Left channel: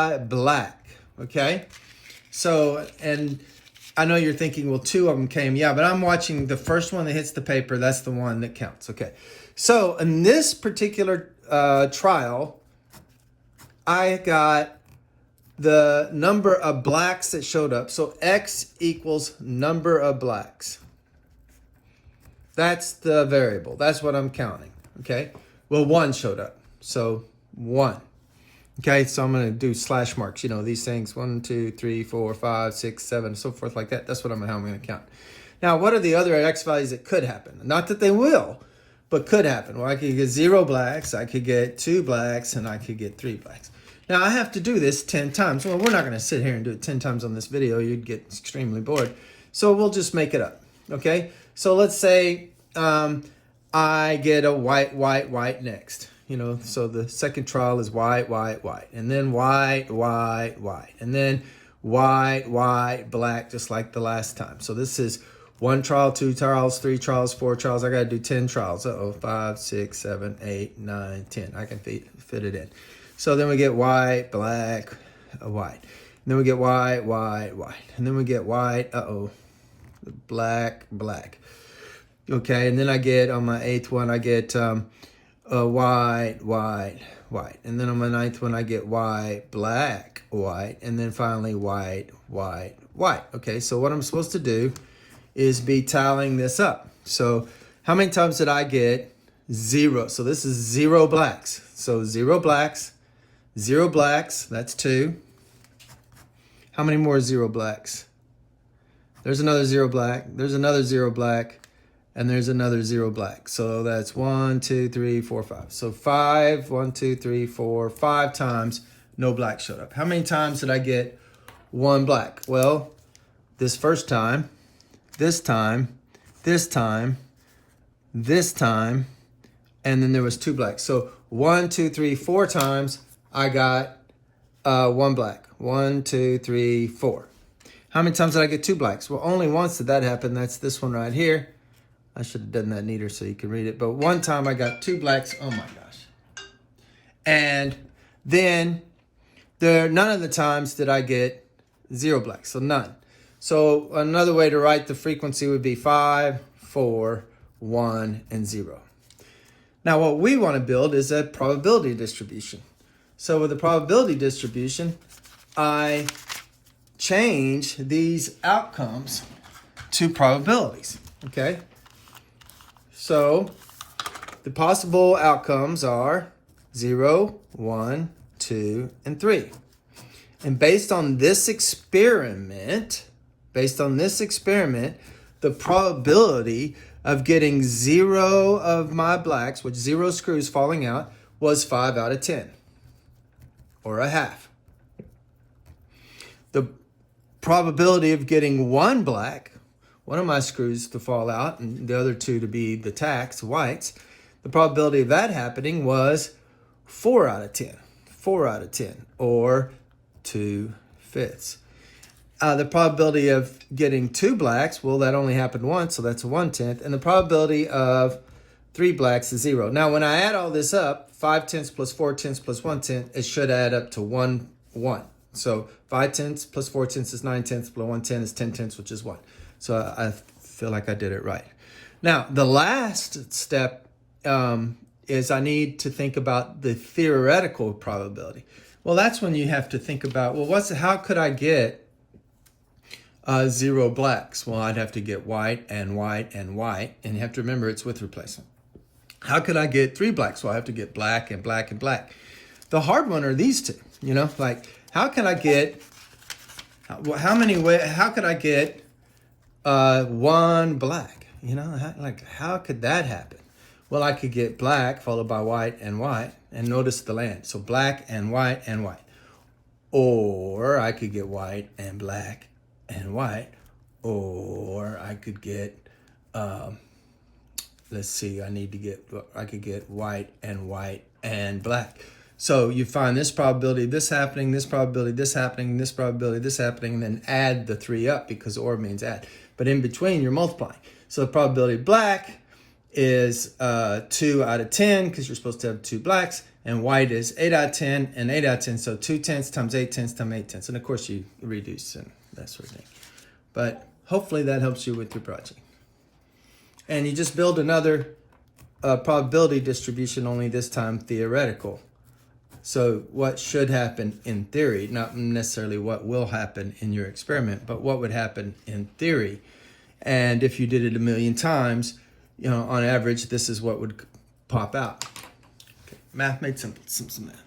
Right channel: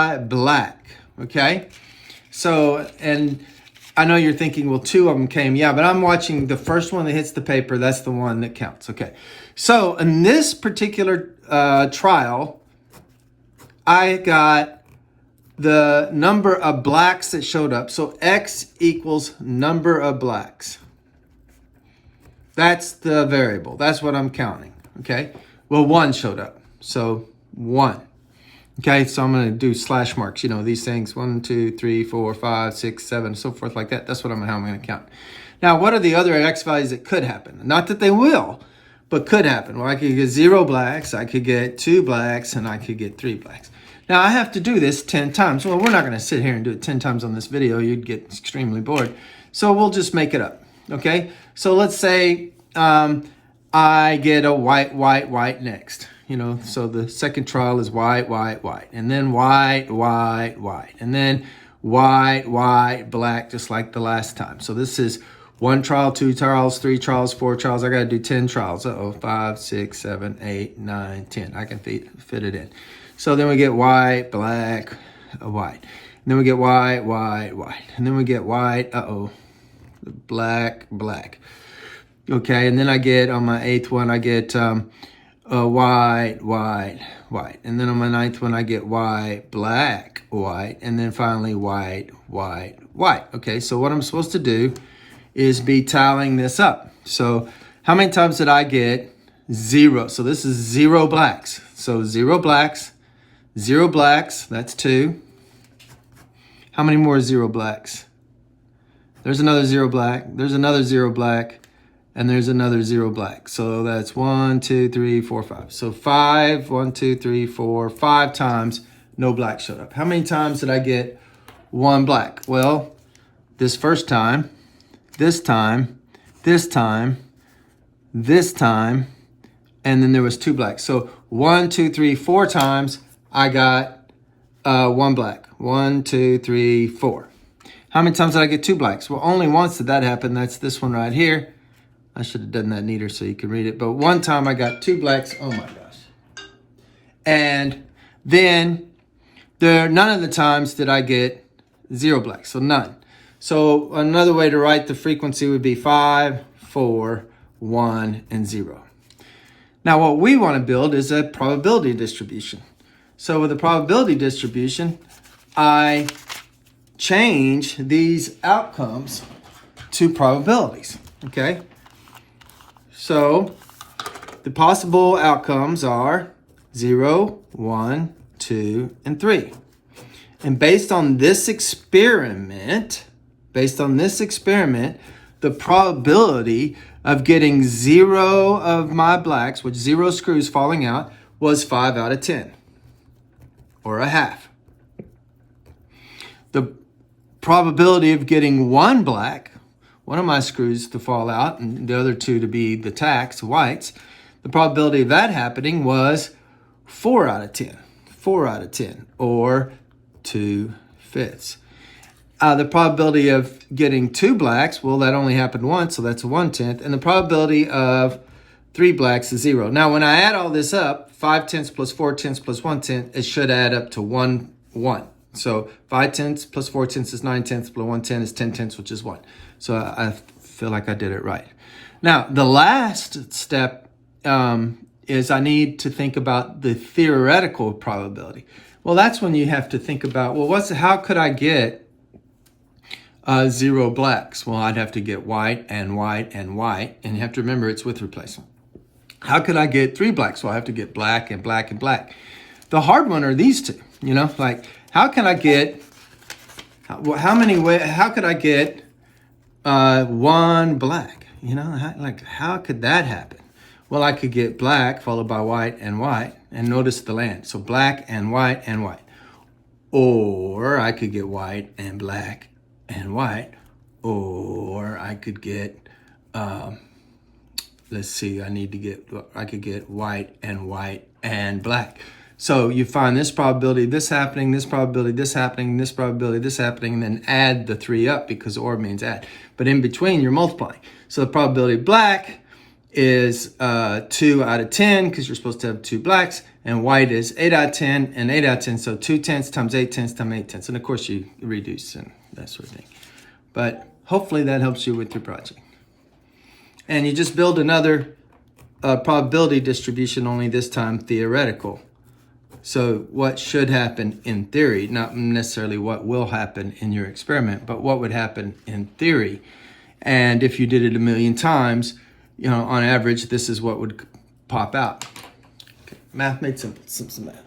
by black, okay? So, and I know you're thinking, well, 2 of them came. Yeah, but I'm watching the first one that hits the paper. That's the one that counts, okay? So in this particular trial, I got the number of blacks that showed up. So X equals number of blacks. That's the variable. That's what I'm counting, okay? Well, 1 showed up, so 1. Okay, so I'm going to do slash marks. You know, these things, 1, 2, 3, 4, 5, 6, 7, so forth like that. That's how I'm going to count. Now, what are the other X values that could happen? Not that they will, but could happen. Well, I could get 0 blacks, I could get 2 blacks, and I could get 3 blacks. Now, I have to do this 10 times. Well, we're not going to sit here and do it 10 times on this video. You'd get extremely bored. So we'll just make it up, okay? So let's say I get a white, white, white next. You know, so the second trial is white, white, white, and then white, white, white, and then white, white, black, just like the last time. So this is 1 trial, 2 trials, 3 trials, 4 trials. I got to do 10 trials. 5, 6, 7, 8, 9, 10. I can fit it in. So then we get white, black, white. And then we get white, white, white. And then we get white, black, black. Okay, and then I get, on my 8th one, I get white, white, white. And then on my 9th one, I get white, black, white. And then finally white, white, white. Okay, so what I'm supposed to do is be tallying this up. So how many times did I get 0? So this is 0 blacks. So 0 blacks, 0 blacks, that's 2. How many more 0 blacks? There's another 0 black. There's another 0 black. And there's another 0 black. So that's 1, 2, 3, 4, 5. So 5, 1, 2, 3, 4, 5 times no black showed up. How many times did I get 1 black? Well, this first time, this time, this time, this time, and then there was 2 blacks. So 1, 2, 3, 4 times I got 1 black. 1, 2, 3, 4. How many times did I get 2 blacks? Well, only once did that happen. That's this one right here. I should have done that neater so you could read it. But one time I got 2 blacks. Oh my gosh. And then none of the times did I get 0 blacks. So none. So another way to write the frequency would be 5, 4, 1, and 0. Now what we want to build is a probability distribution. So with a probability distribution, I change these outcomes to probabilities. Okay? So the possible outcomes are 0, 1, 2, and 3. And based on this experiment, the probability of getting 0 of my blacks, which 0 screws falling out, was 5 out of 10, or a half. The probability of getting 1 black, one of my screws to fall out and the other 2 to be the tacks, whites, the probability of that happening was 4 out of 10. 4 out of 10, or 2/5. The probability of getting 2 blacks, well, that only happened once, so that's a 1/10. And the probability of 3 blacks is 0. Now, when I add all this up, 5/10 plus 4/10 plus 1/10, it should add up to 1, 1. So 5/10 plus 4/10 is 9/10 plus 1/10 is 10/10, which is 1. So I feel like I did it right. Now, the last step is I need to think about the theoretical probability. Well, that's when you have to think about, well, how could I get 0 blacks? Well, I'd have to get white and white and white. And you have to remember it's with replacement. How could I get 3 blacks? Well, I have to get black and black and black. The hard one are these two, you know, like how can I get, how could I get 1 black? You know, how could that happen? Well, I could get black followed by white, and notice the land. So black and white and white. Or I could get white and black and white. Or I could get, let's see, I could get white and black. So you find this probability, this happening, this probability, this happening, this probability, this happening, and then add the 3 up because or means add. But in between, you're multiplying. So the probability of black is 2 out of 10 because you're supposed to have 2 blacks. and white is 8 out of 10 and 8 out of 10. So 2 tenths times 8 tenths times 8 tenths. And of course you reduce and that sort of thing. But hopefully that helps you with your project. And you just build another probability distribution, only this time theoretical. So what should happen in theory, not necessarily what will happen in your experiment, but what would happen in theory. And if you did it a million times, on average, this is what would pop out. Okay. Math made simple. Simple math.